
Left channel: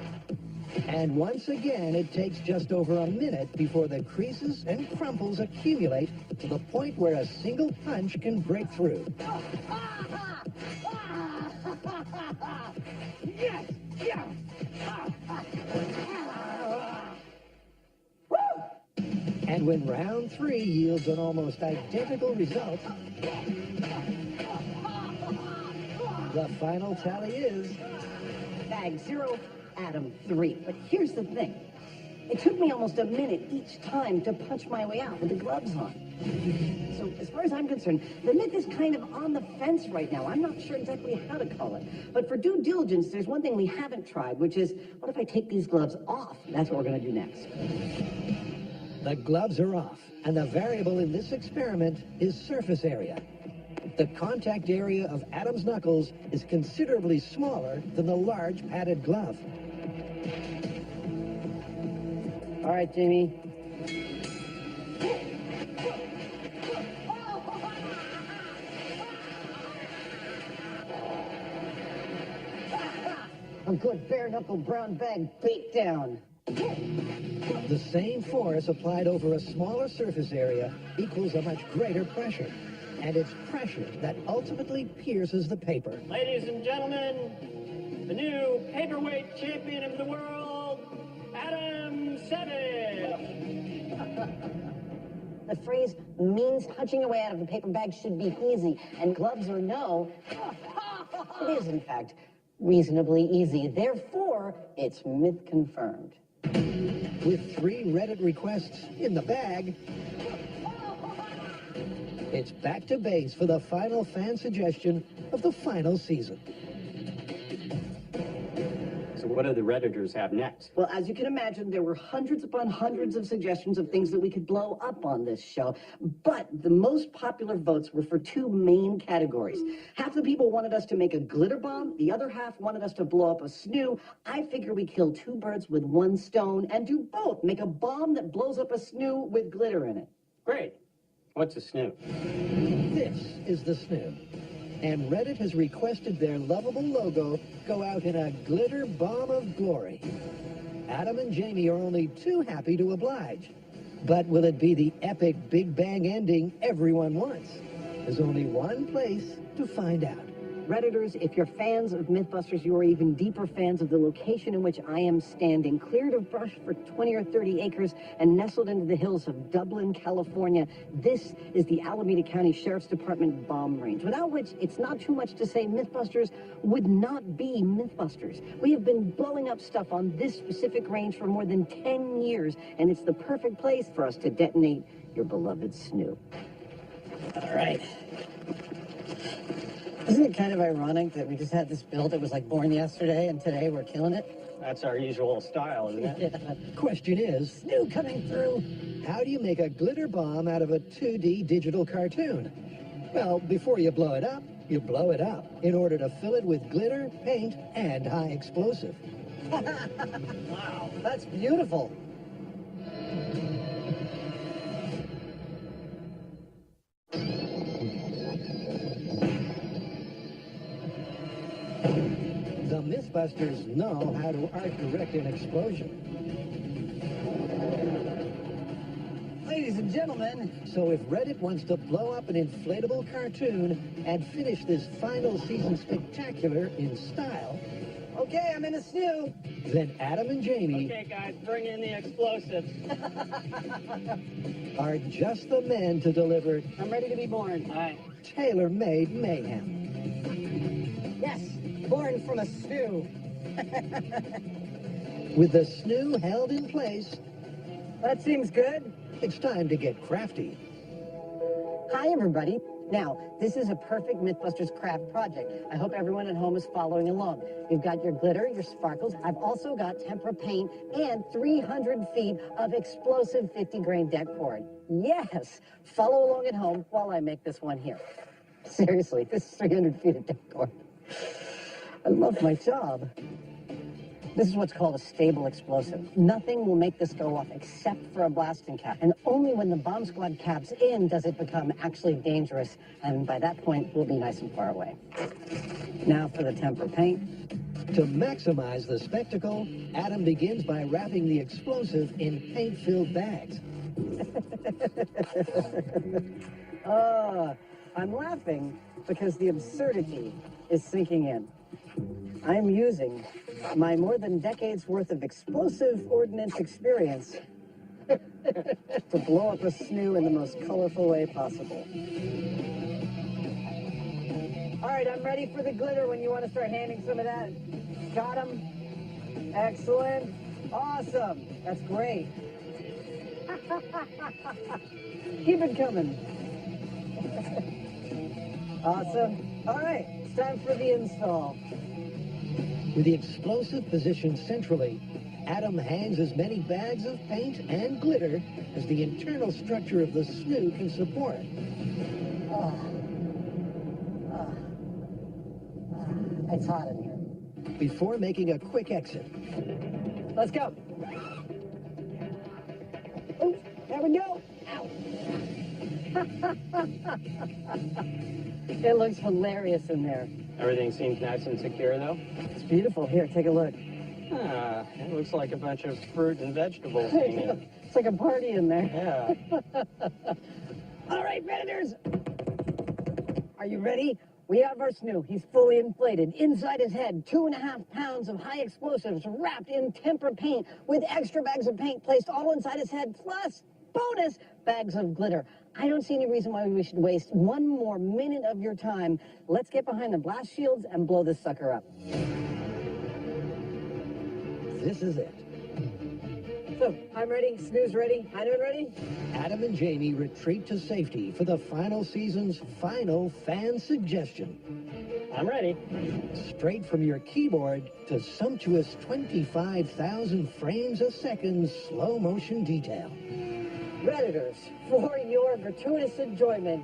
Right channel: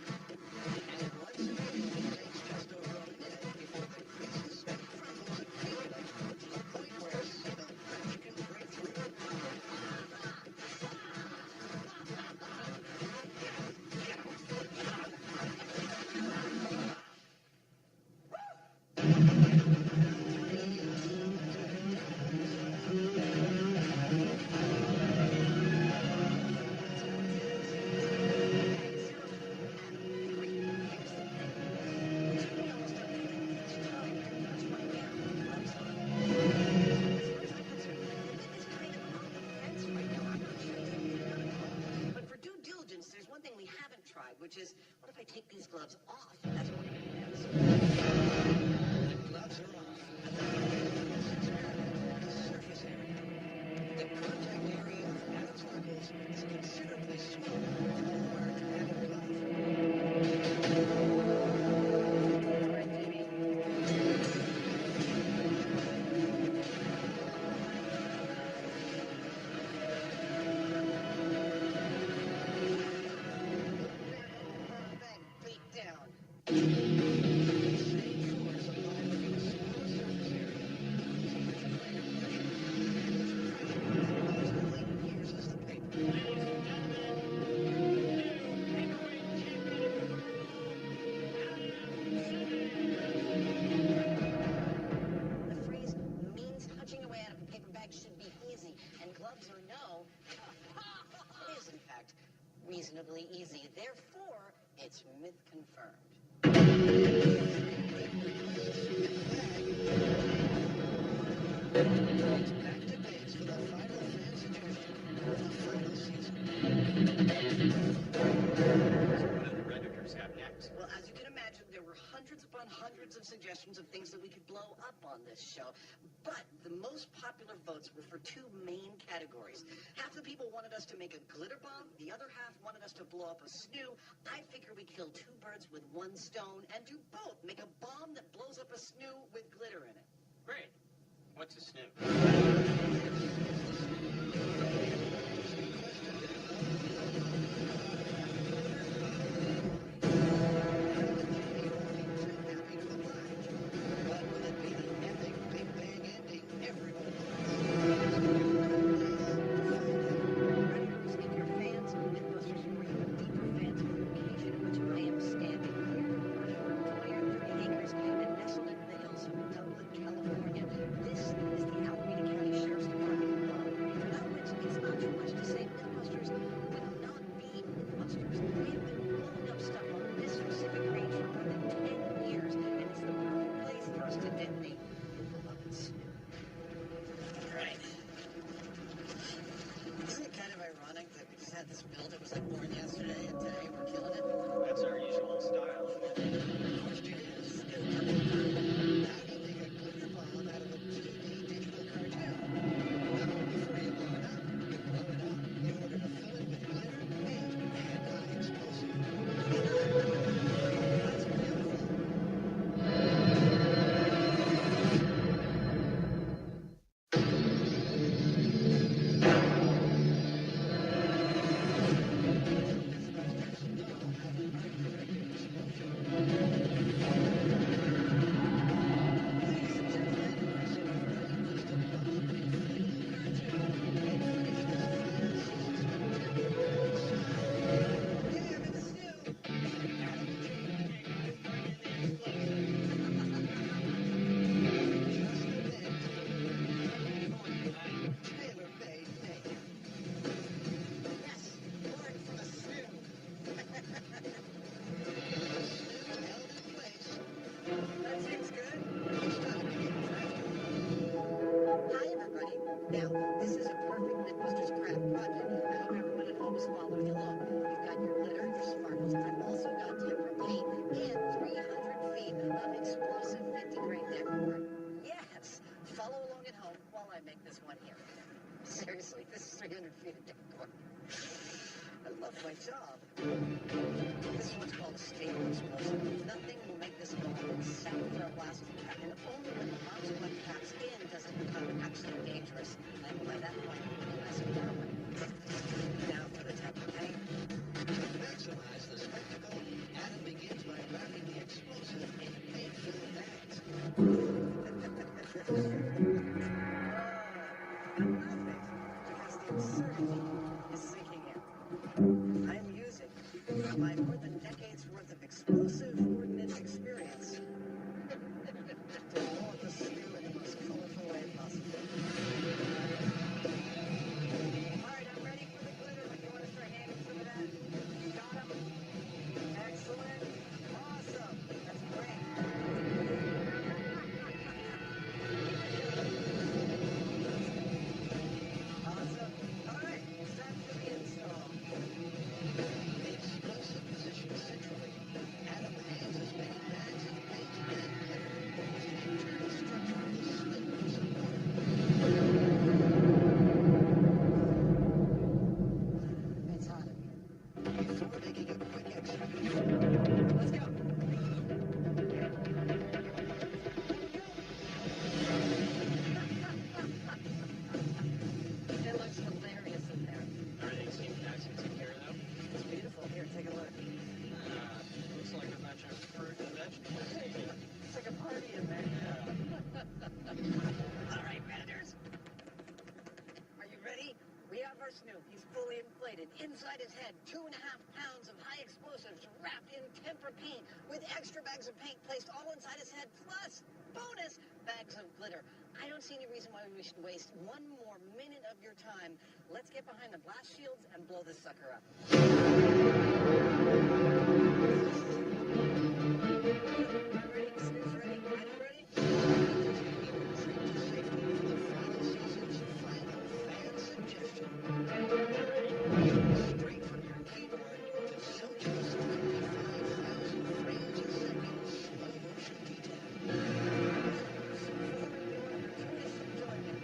And once again, it takes just over a minute before the creases and crumples accumulate to the point where a single punch can break through. Yes! Yes! And when round 3 yields an almost identical result, the final tally is... Bag 0, Adam 3. But here's the thing. It took me almost a minute each time to punch my way out with the gloves on. So as far as I'm concerned, the myth is kind of on the fence right now. I'm not sure exactly how to call it. But for due diligence, there's one thing we haven't tried, which is, what if I take these gloves off? That's what we're going to do next. The gloves are off, and the variable in this experiment is surface area. The contact area of Adam's knuckles is considerably smaller than the large padded glove. All right, Jamie. Until bare-knuckle brown bag beat down. The same force applied over a smaller surface area equals a much greater pressure, and it's pressure that ultimately pierces the paper. Ladies and gentlemen, the new paperweight champion of the world, Adam Seven. The phrase means punching away out of a paper bag should be easy, and gloves or no, it is, in fact, reasonably easy. Therefore, it's myth confirmed. With 3 Reddit requests in the bag, it's back to base for the final fan suggestion of the final season. So what do the Redditors have next? Well, as you can imagine, there were hundreds upon hundreds of suggestions of things that we could blow up on this show. But the most popular votes were for 2 main categories. Half the people wanted us to make a glitter bomb. The other half wanted us to blow up a snoo. I figure we kill 2 birds with 1 stone and do both. Make a bomb that blows up a snoo with glitter in it. Great. What's a snoot? This is the snoo. And Reddit has requested their lovable logo go out in a glitter bomb of glory. Adam and Jamie are only too happy to oblige. But will it be the epic Big Bang ending everyone wants? There's only one place to find out. Redditors, if you're fans of MythBusters, you are even deeper fans of the location in which I am standing, cleared of brush for 20 or 30 acres and nestled into the hills of Dublin, California. This is the Alameda County Sheriff's Department bomb range, without which it's not too much to say MythBusters would not be MythBusters. We have been blowing up stuff on this specific range for more than 10 years, and it's the perfect place for us to detonate your beloved snoo. All right. Isn't it kind of ironic that we just had this build that was like born yesterday, and today we're killing it? That's our usual style, isn't it? Question is, Snoo coming through. how do you make a glitter bomb out of a 2D digital cartoon? Well, before you blow it up in order to fill it with glitter, paint, and high explosive. Wow, that's beautiful. The MythBusters know how to art-direct an explosion. Ladies and gentlemen, So if Reddit wants to blow up an inflatable cartoon and finish this final season spectacular in style, okay, I'm in the snoo. then Adam and Jamie Okay, guys, bring in the explosives. are just the men to deliver I'm ready to be born. tailor-made mayhem. Yes, born from a snoo. With the snoo held in place, That seems good. it's time to get crafty. Hi, everybody. Now, this is a perfect MythBusters craft project. I hope everyone at home is following along. You've got your glitter, your sparkles. I've also got tempera paint and 300 feet of explosive 50-grain deck cord. Yes! Follow along at home while I make this one here. Seriously, this is 300 feet of deck cord. I love my job. This is what's called a stable explosive. Nothing will make this go off except for a blasting cap. And only when the bomb squad caps in does it become actually dangerous. And by that point, we'll be nice and far away. Now for the tempera paint. To maximize the spectacle, Adam begins by wrapping the explosive in paint-filled bags. I'm laughing because the absurdity is sinking in. I'm using my more than decades worth of explosive ordnance experience to blow up a snoo in the most colorful way possible. All right, I'm ready for the glitter when you want to start handing some of that. Got him. Excellent. Awesome. That's great. Keep it coming. Awesome. All right, it's time for the install. With the explosive positioned centrally, Adam hands as many bags of paint and glitter as the internal structure of the snoo can support. It's hot in here. Before making a quick exit, Let's go. Oops, there we go. It looks hilarious in there. Everything seems nice and secure, though. It's beautiful. Here, take a look. Ah, it looks like a bunch of fruit and vegetables came in. It's like a party in there. Yeah. All right, Predators. Are you ready? We have our snoo. He's fully inflated. Inside his head, 2.5 pounds of high explosives wrapped in tempera paint with extra bags of paint placed all inside his head, plus bonus bags of glitter. I don't see any reason why we should waste one more minute of your time. Let's get behind the blast shields and blow this sucker up. this is it. So, I'm ready. Snoo's ready. Adam ready? Adam and Jamie retreat to safety for the final season's final fan suggestion. I'm ready. Straight from your keyboard to sumptuous 25,000 frames a second slow motion detail. Predators, for your gratuitous enjoyment.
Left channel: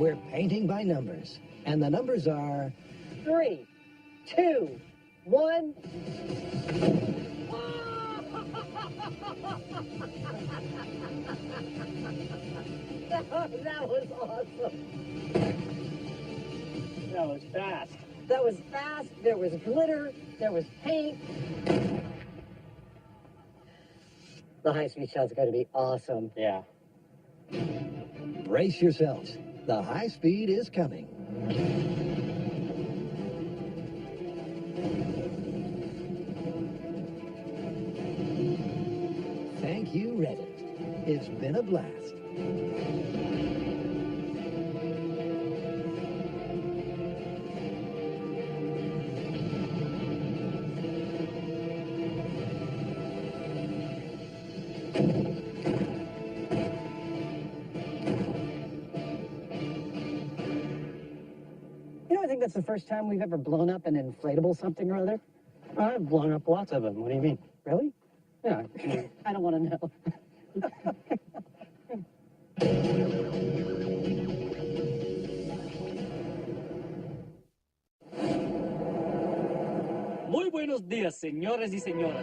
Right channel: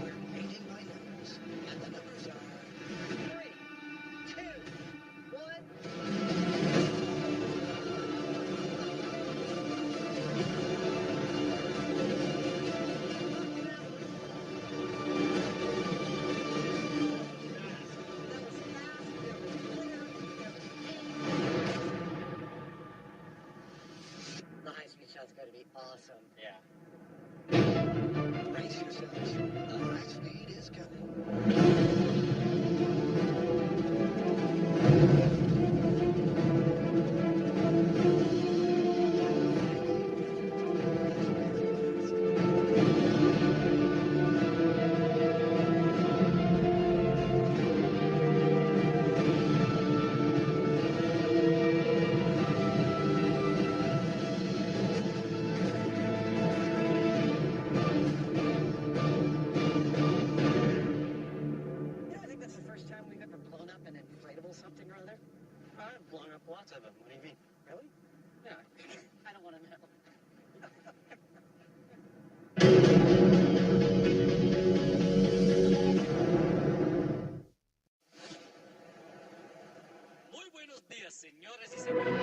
We're painting by numbers, and the numbers are 3, 2, 1. That was awesome. That was fast, there was glitter, there was paint. The high-speed shot's going to be awesome. Yeah. Brace yourselves. The high speed is coming. Thank you, Reddit. It's been a blast. You know, I think that's the first time we've ever blown up an inflatable something or other. I've blown up lots of them. What do you mean? Really? Yeah. I don't want to know. Muy buenos días, señores y señoras.